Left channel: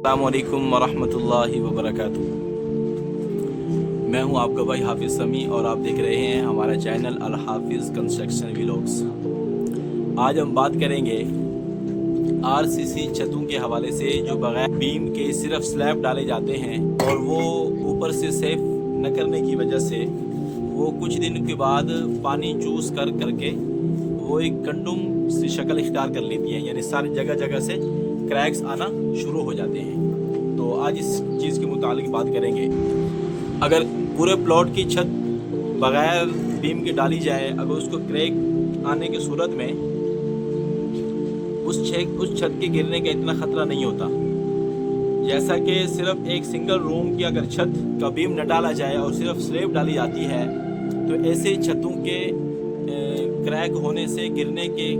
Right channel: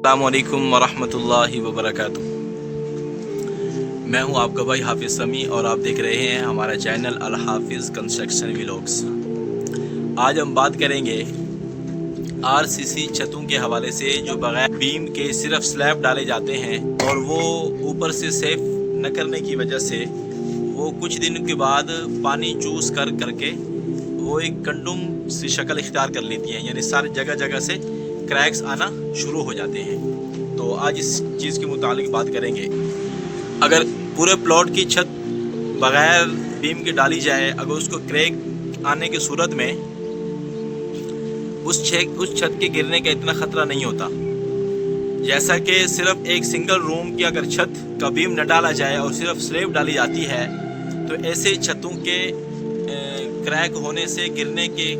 अस्सलाम वालेकुम वरहमतुल्लाहि वबरकातुह। मैं हूं आपका भाई हाफिज़ समी और आप देख रहे हैं हमारा चैनल अल हाफिज़ कंस्ट्रक्शन व्लॉग्स। आज हम बात करेंगे आरसीसी छतों के हवाले से जो बगैर बीम के सिर्फ स्लैब डाले जाते हैं और वो ऊपर से सेफ न करने की वजह से वो कुछ दिन के बाद पानी चूस करके वो एक गंडुम सी शक्ल इख्तियार कर लेती हैं, यानी सारी जगह जगह से क्रैक्स आना शुरू हो जाते हैं। तो आज इस चीज़ के मुतालिक बात करेंगे। अगर पूरे प्लॉट की छत बग़ैर बीम के डाली जाए, अगर उसको क्रैक आने की सूरत में उस छत के गिरने का इतना ख़तरा नहीं होता, जैसा कि सिर्फ एक सिंगल रूम की अगर छत का बीम न डाला जाए और सिर्फ स्लैब डाली जाती है तो ऐसे छतों के क्रैक होने से गिरने के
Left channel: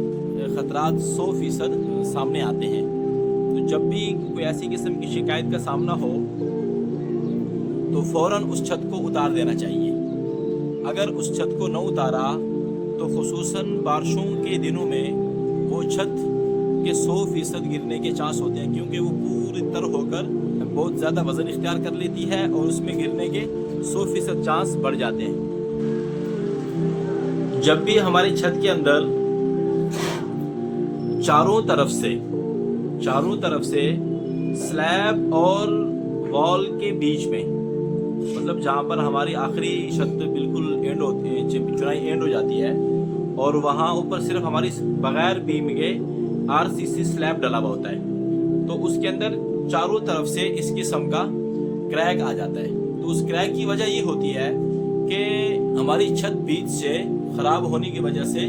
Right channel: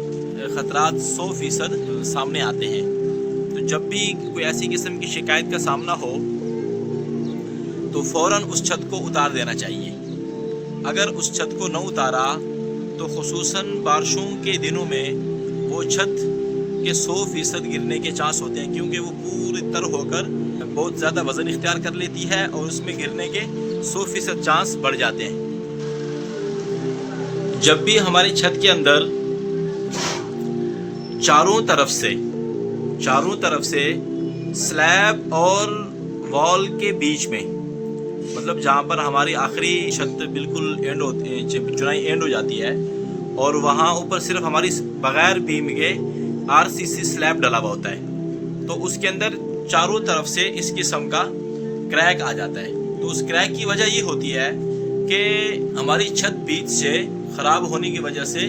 ख़तरात 100% सामने आते हैं। तो जब भी कोई ऐसी किस्म की शिकायत का सामना हो तो फ़ौरन उस छत को उतार देना चाहिए। अगर उस छत को न उतारा तो खुसूसन बारिशों के दिनों में वो छत के 100% गिरने के चांस होते हैं, क्योंकि वो पूरी तरह होकर बहुत ज़्यादा वज़न इख्तियार कर लेती है और उसमें गिरने के 100% चांस बढ़ जाते हैं। जब भी हमारी छत के अंदर चारों तरफ से स्लैब और वॉल के बीच में, मतलब जहाँ पर हमारी आखिरी छत बिल्कुल चुनाई एंड हो जाती है और वहाँ ऊपर सिर्फ हमारी बग़ैर बीम के आरसीसी स्लैब डला हुआ होता है, तो उसके अंदर चारों तरफ से इस किस्म का क्रैक आ जाता है। तो उस क्रैक की वजह ये होती है कि हमारी छत बीच से ख़राब होने की वजह से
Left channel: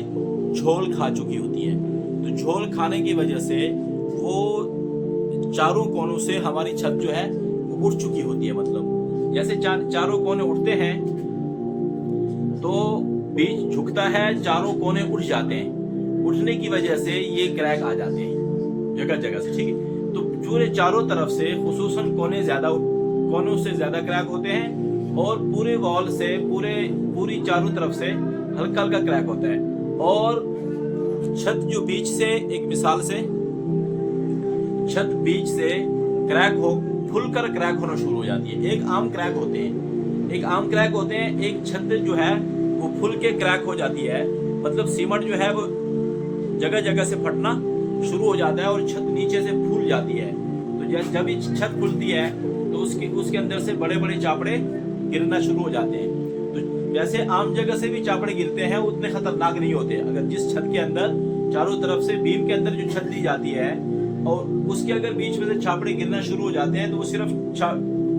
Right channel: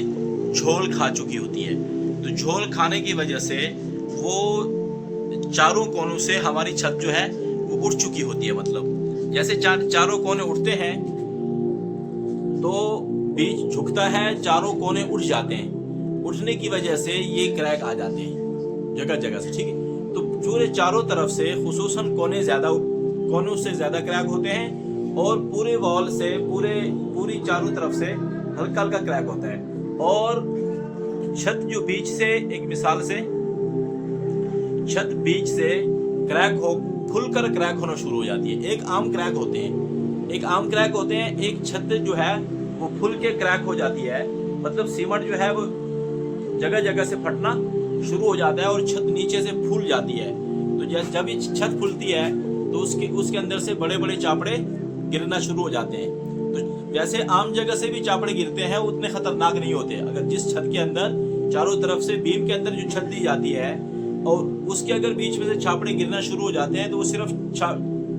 झोल खा चुकी होती है। तो झोल खाने की वजह से वो चारों कोनों से हमारी छत जो है वो उठ चुकी होती है। मतलब जैसे चारों कोने उठते हैं तो बीच झुकता है, चारों कोने उठ जाते हैं, उठने की वजह से ये क्रैक आ जाते हैं जगह जगह से। ठीक है, तो पूरे चारों तरफ से खुसूसन कोनों से ज़्यादा क्रैक होते हैं और पूरे वॉल से पूरी चारों तरफ से हल्का हल्का क्रैक होता है। और छत जो बीच से, एक मिसाल से छत बीच से खुलकर क्रैक होना शुरू हो जाती है। एक आम क्रैक होते हैं, एक छत जो है वो फुल के क्रैक हो जाती है। मतलब सीमेंट जो है वो जगह जगह से फटना शुरू हो जाता है और छत नीचे से फूल जाती है। तो जब ये छत फूलती है तो उसके अंदर से बड़े बड़े चापड़े गिरना शुरू हो जाते हैं। तो वैसे आम जगह से भी चापड़े गिरते हैं, उतने खतरनाक नहीं होते। अगर जिस छत के अंदर चारों तरफ से बीम के अंदर जो छत दी जाती है और उसके अगर बीच में से छापड़े गिरना शुरू हो जाते हैं तो वो सिर्फ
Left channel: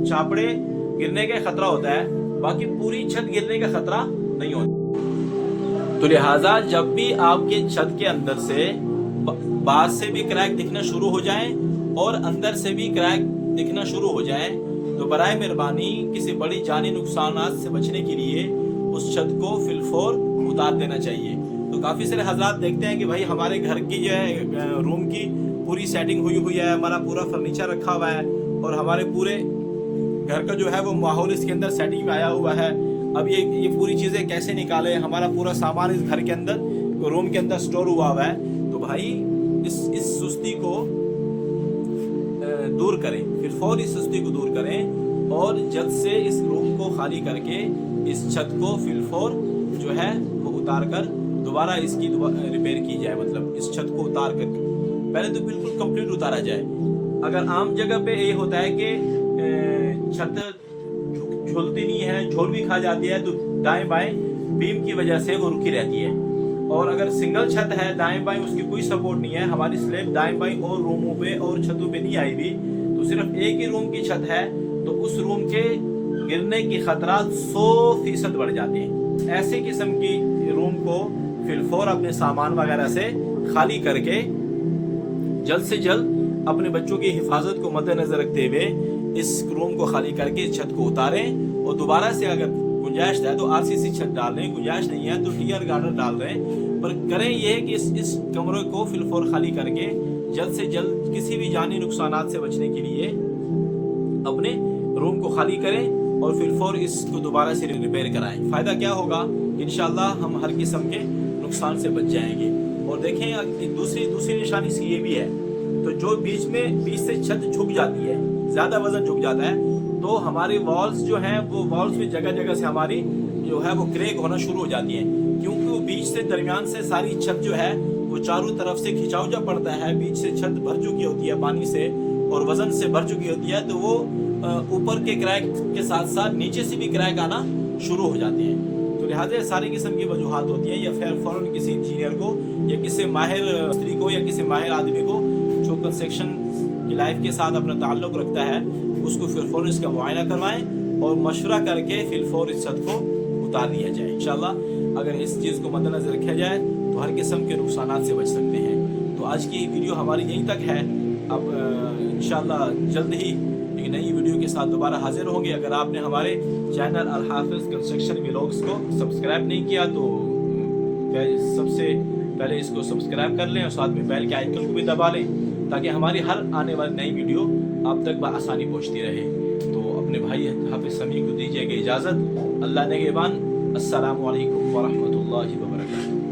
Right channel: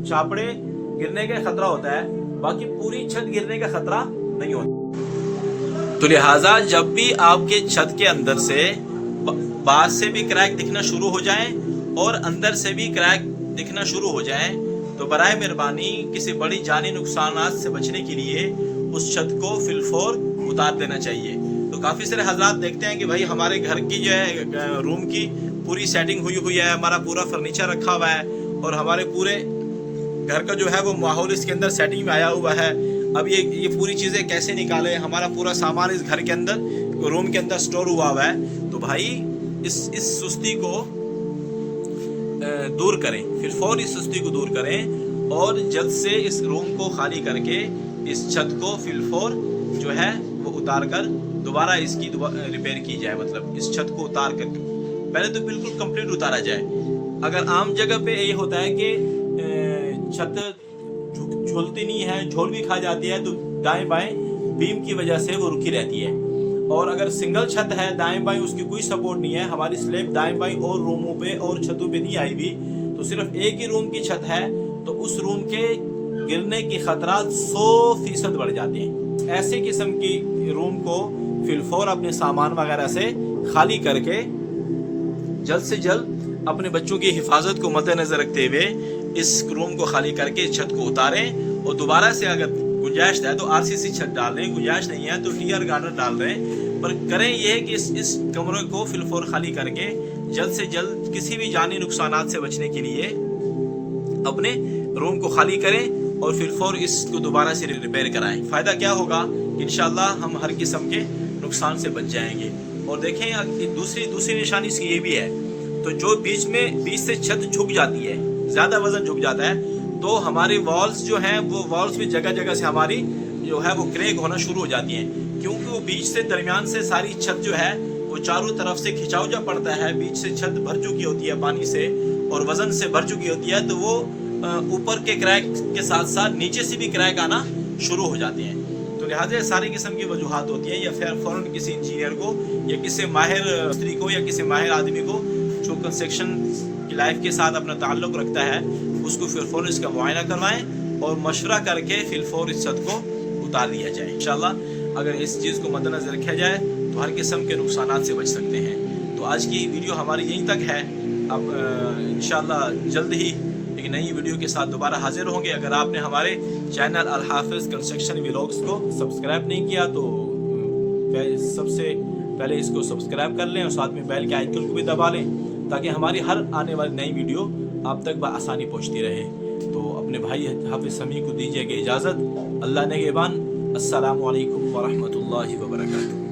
छापड़े गिरने का खतरा होता है, बाकी पूरी छत गिरने का खतरा नहीं होता। तो लिहाजा जब भी आपके छत के अंदर से बाहर से भी क्रैक दिखना शुरू हो जाए और अंदर से भी क्रैक दिखना शुरू हो जाए तो बराए मेहरबानी किसी बड़ी जानी नुकसानात से बचने के लिए उस छत को फिलफौर उतार देना चाहिए। तो काफ़ी सारे हजरात देखते हैं कि भाई हमारे घर की जो है रूम की पूरी सेटिंग हुई है, हमारा पूरा फर्नीचर रखा हुआ है और हमारे पूरे घर का जो है वो माहौल इसके अंदर सेटिंग में आया हुआ है। अब ये पूरी चीज़ें कैसे निकालें, हमारा पूरा सामान इस घर के अंदर रूम के अंदर स्टोर हुआ है। तो भाई इस सुस्ती को दूर करें, फिलफौर इस सुस्ती को दूर करें और जल्द से इस रूम को खाली करके इस छत को फिलफौर जो है वो उतार कर दोबारा इसकी रिपेयर की जाए। मतलब इस छत को उतार कर पहले तो बिल्कुल कंप्लीट उतारा जाए। अगर आम जगह पे ये होता है कि छत झूलती नहीं है, झोल भी खा जाती है, तो दाएं बाएं बीम की वजह से वो रुकी रहती है। और अगर सिंगल छत है, दाएं बाएं उसकी कोई सपोर्ट नहीं है, हमारी स्लैब दाएं बाएं और रूमों पे और छतों पे नहीं आई भी, तो सिर्फ एक ही रूम की छत है तो उस रूम के गिरने की खतरा 100% बढ़ जाते हैं। ऐसे किस्म की रूम को फिलफौर अपने सामान वगैरह से खाली करके जल्द से जल्द अपने बच्चों की हिफाजत को मद्देनजर रखते हुए इस रूम को खाली करके इस छत को उतारें और दोबारा से अगर गुंजाइश है तो आरसीसी छत डाल रहे हैं, गुंजाइश नहीं है तो टीआर गार्डर डाल रहे हैं, पर करें ये कि इस कमरे को फिलफौर खाली करके जल्द से जल्द किसी भी जानी नुकसानात से बचने के लिए अपने रूम को खाली करें और फिलफौर इसको दोबारा से रिपेयर कराएं। फ़ायदा क्या होगा कि इंशाअल्लाह हम हर किस्म के नुकसान से बच जाएंगे। और देखें दूसरी निशानी इसकी ये भी है تو جو بیچ سے چھت جھک جاتی ہے, زیادہ وزن جھک جاتا ہے, تو ہماری والز جو ہیں وہ والز بھی جگہ جگہ سے ہماری جو ہے وہ کریک ہونا شروع ہو جاتی ہیں, کیونکہ وہ بیچ سے درمیان سے ساری چھت جو ہے وہ چاروں طرف سے کھچاؤ جا پڑتا ہے, بیچ سے چھت بھر چکی ہوتی ہے پانی سے اور وزن سے بھر چکی ہوتی ہے, تو وہ اوپر کے کریک کے ساتھ ساتھ نیچے سے بھی کریک آنا شروع ہو جاتے ہیں. تو لہٰذا ساری قسم کی وجوہات ہوتی ہیں, یا پھر فوراً کسی انجینئر کو یا کسی ماہر مستری کو یا کسی ماہر آدمی کو جو کنسٹرکشن کی لائف کے ساتھ اپنا تعلق رکھتا ہے اس کو پھر فوراً اس کا معائنہ کروائیں اور مشورہ کر کے پھر فوراً اس چھت کو اتار دیا جائے. انشاءاللہ اگر اس چیز کو مد نظر رکھا جائے تو ہر قسم کے نقصانات سے بچ سکتے ہیں. تو آج کی ویڈیو ہماری یہیں تک ہے. اب انشاءاللہ جلد ہی ایک نئی ویڈیو کے ساتھ دوبارہ حاضر ہوں گے. اگر آپ نے ہمارے چینل الحافظ کنسٹرکشن ولاگس کو سبسکرائب نہیں کیا تو سب سے پہلے اس کو سبسکرائب کر لیں اور ساتھ میں بیل کے آئیکن کو بھی دبا لیں تاکہ ہماری ہر آنے والی نئی ویڈیو آپ تک بآسانی پہنچتی رہے. تو اپنے بھائی حافظ سمیع کو دیجیے گا اجازت. اللہ نگہبان. السلام علیکم ورحمۃ اللہ وبرکاتہ.